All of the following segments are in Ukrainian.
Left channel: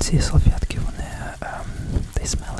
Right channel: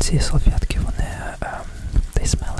ці салфетки вони ем, they smell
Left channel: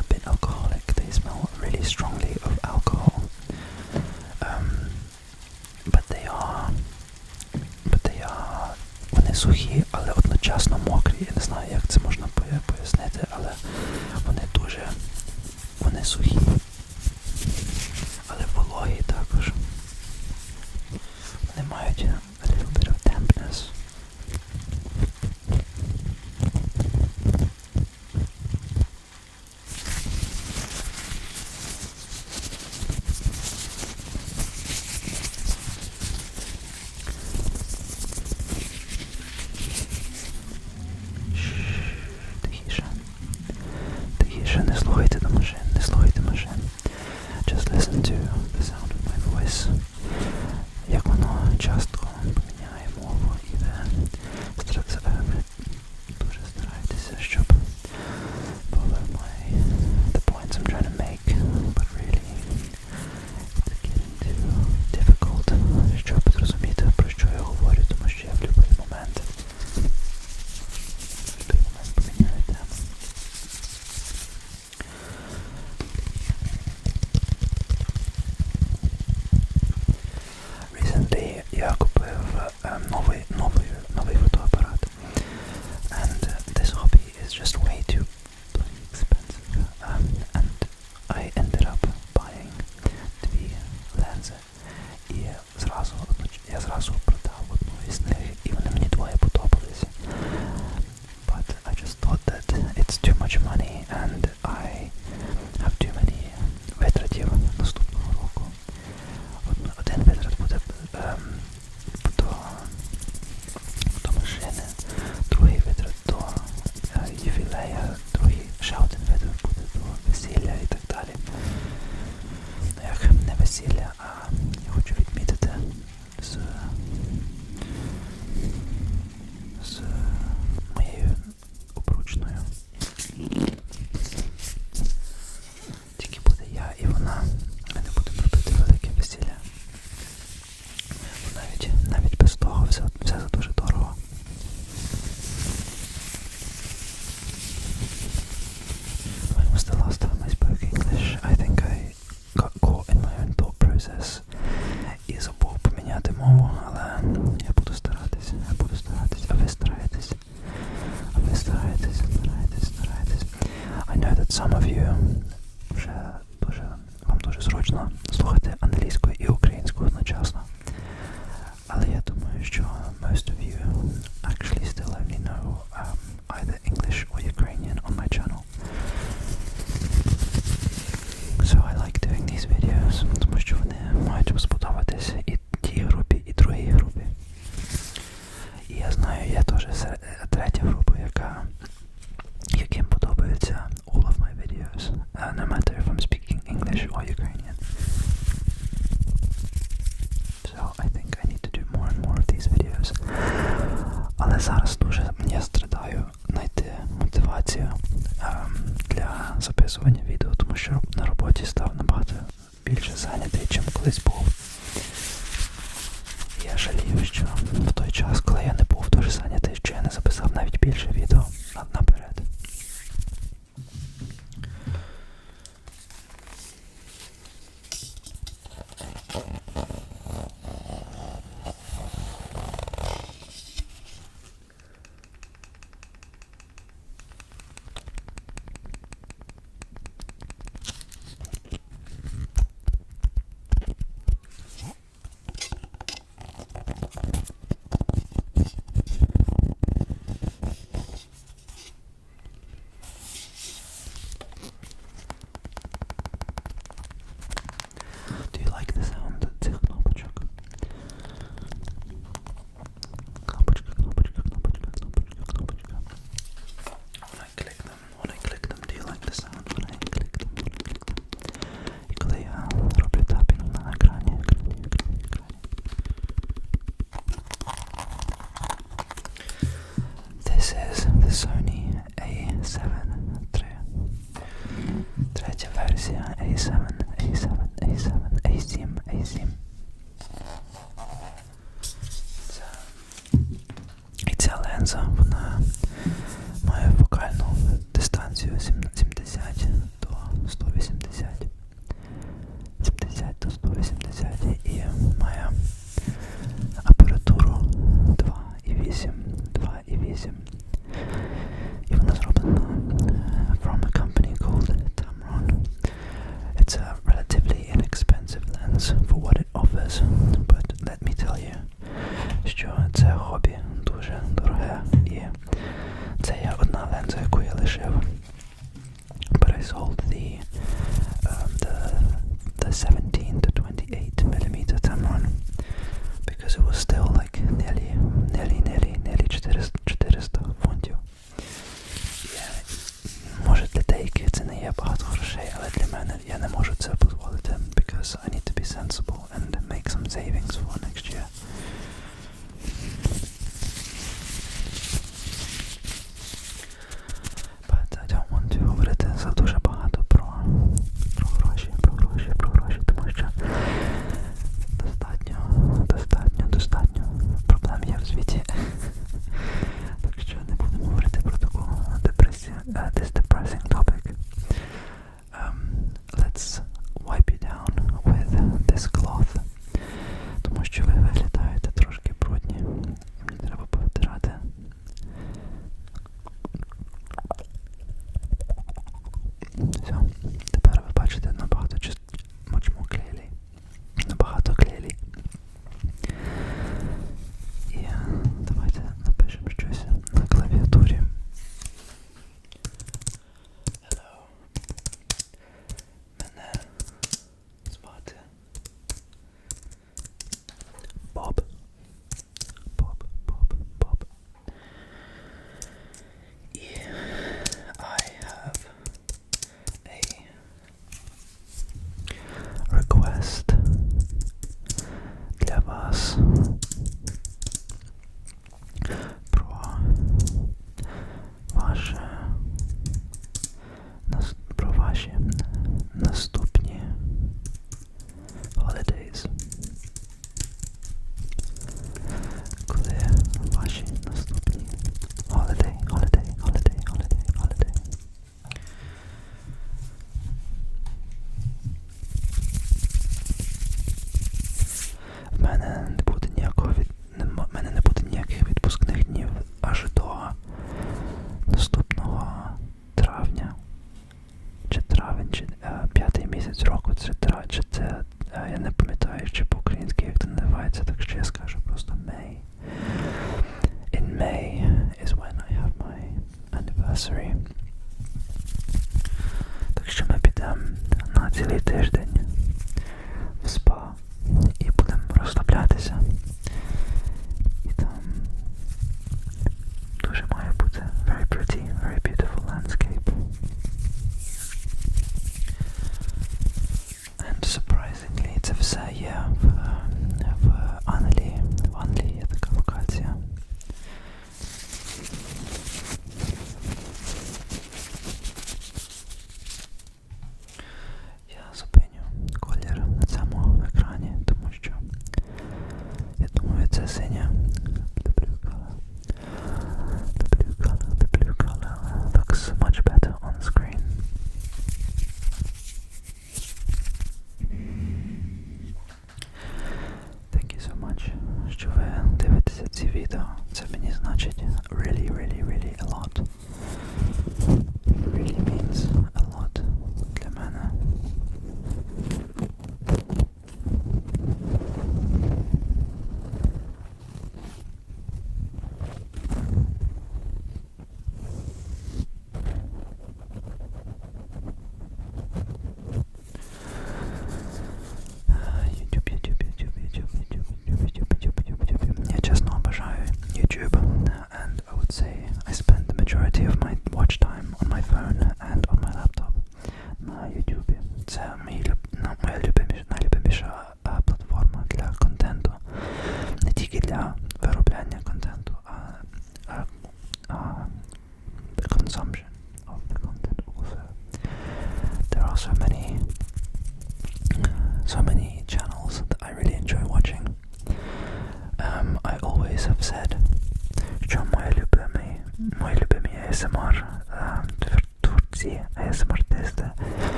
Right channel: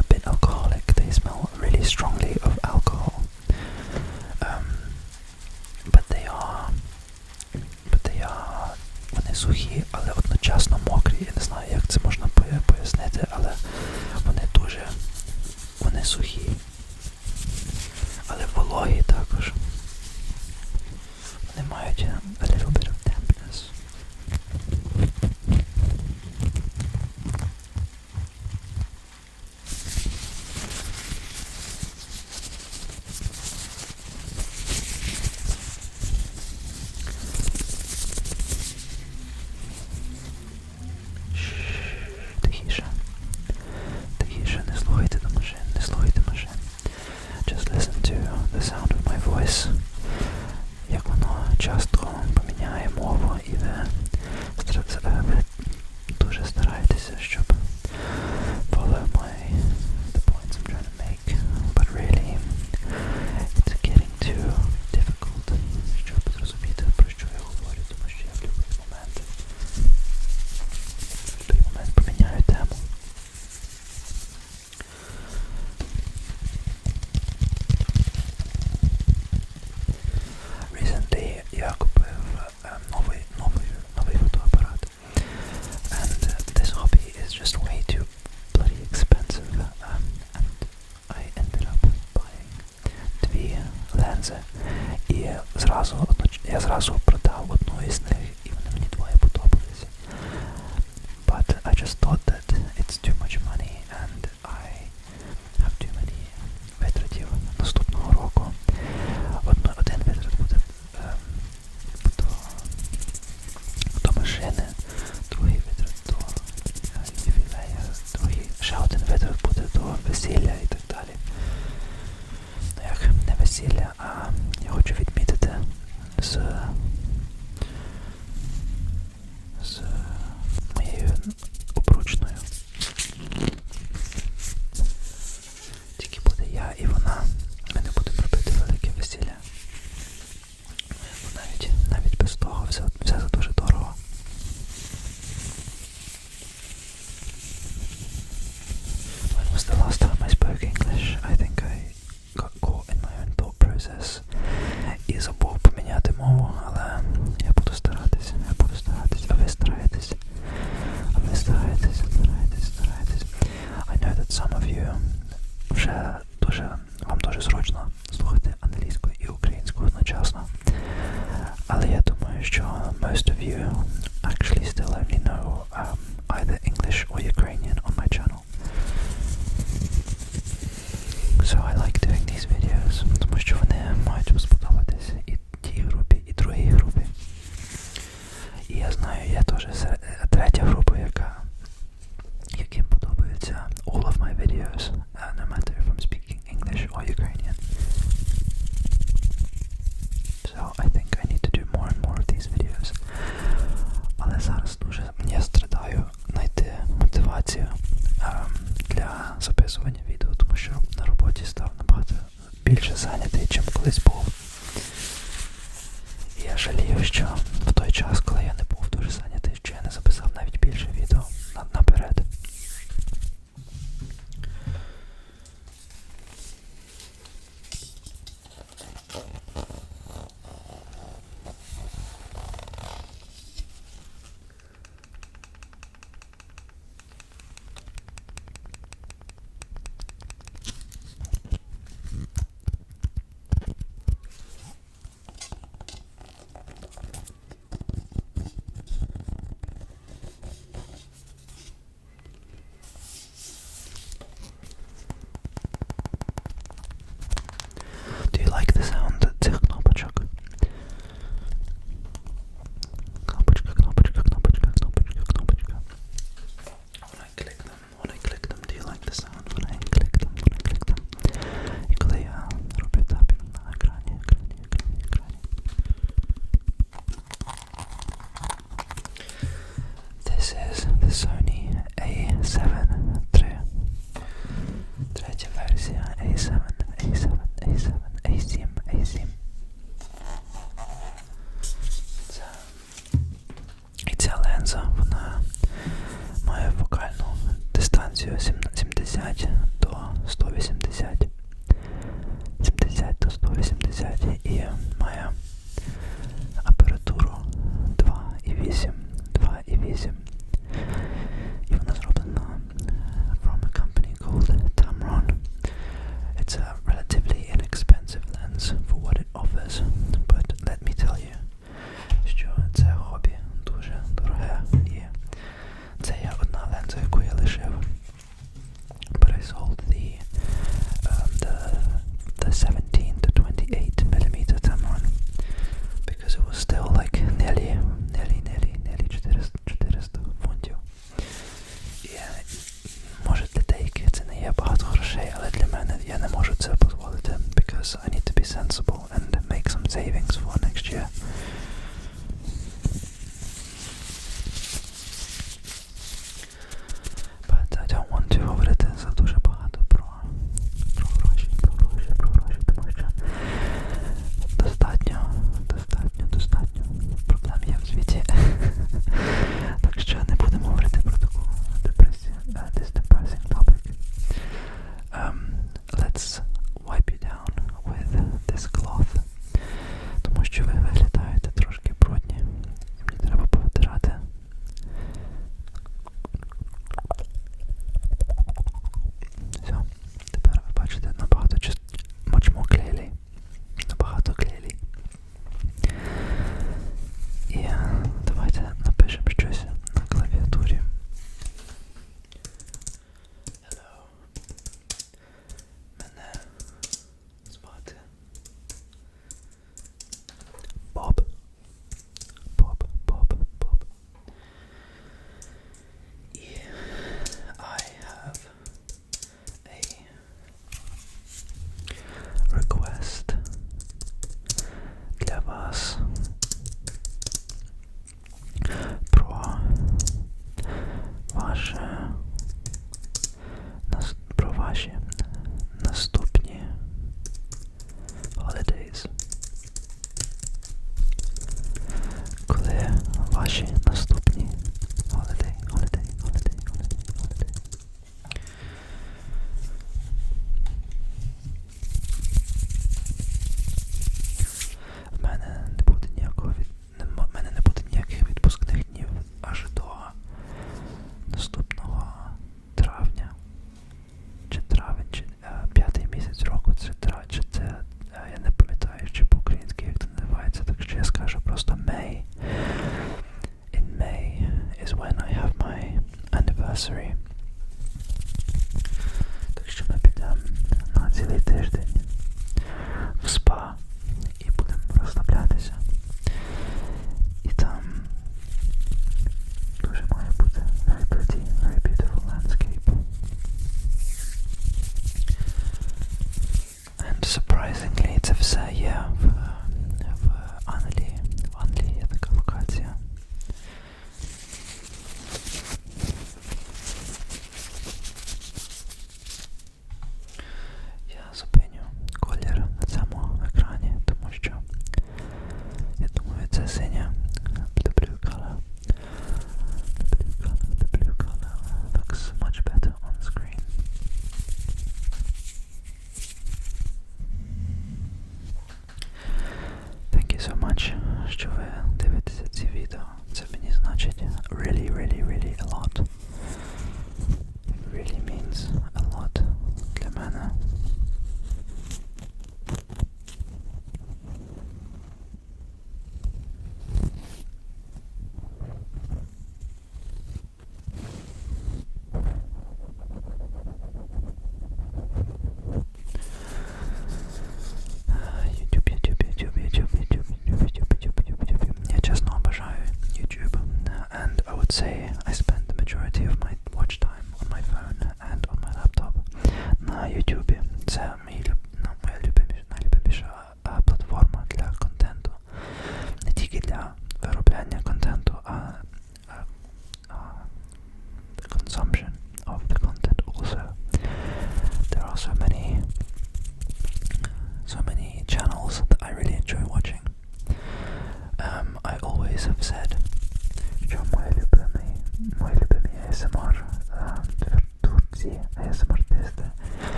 atrasou para Some of you вже дуже вам дуже зручно слухати англійську і українську одночасно. Але я думаю, що most of you actually still only know um, either English or Ukrainian. I think. 70 до 180. really, really, really a lot. It really means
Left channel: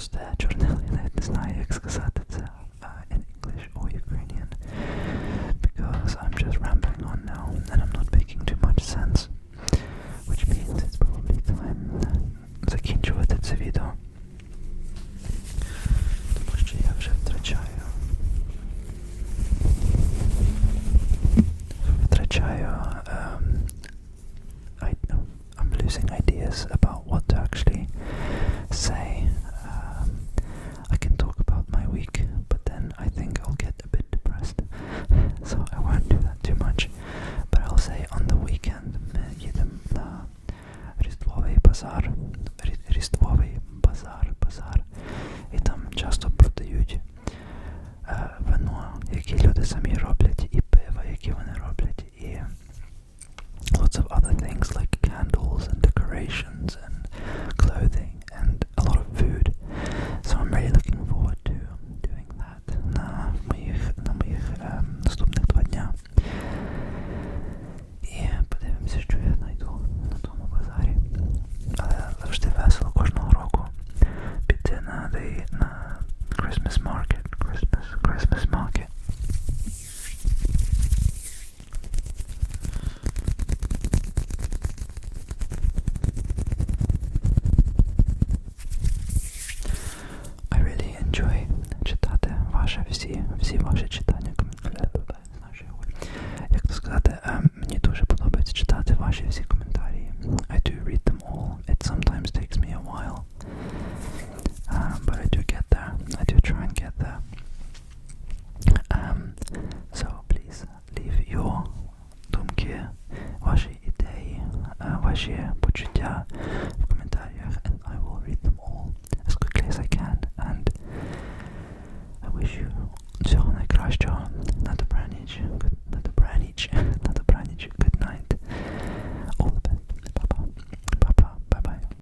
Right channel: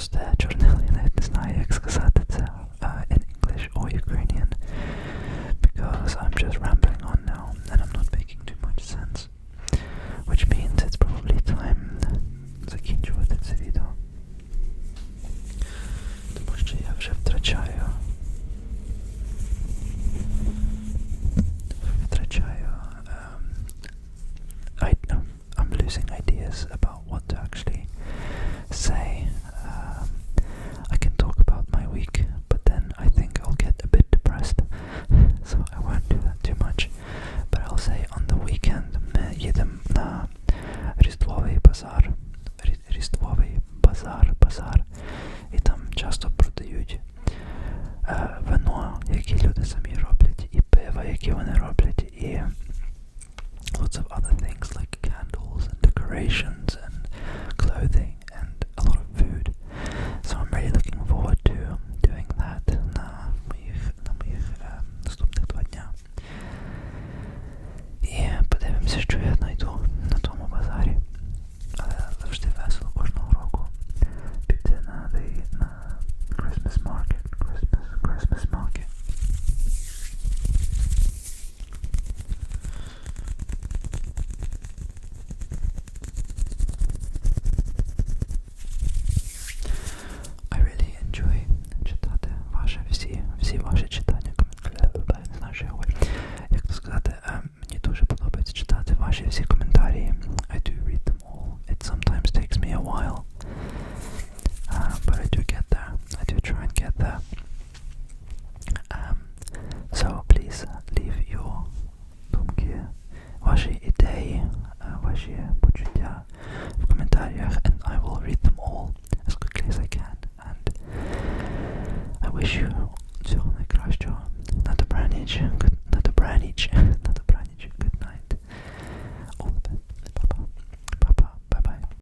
Просто чорний, я навіть не знаю, як сказати. to Vashivsi Commentary. I do read them all. It sometimes takes me a while, um, but I do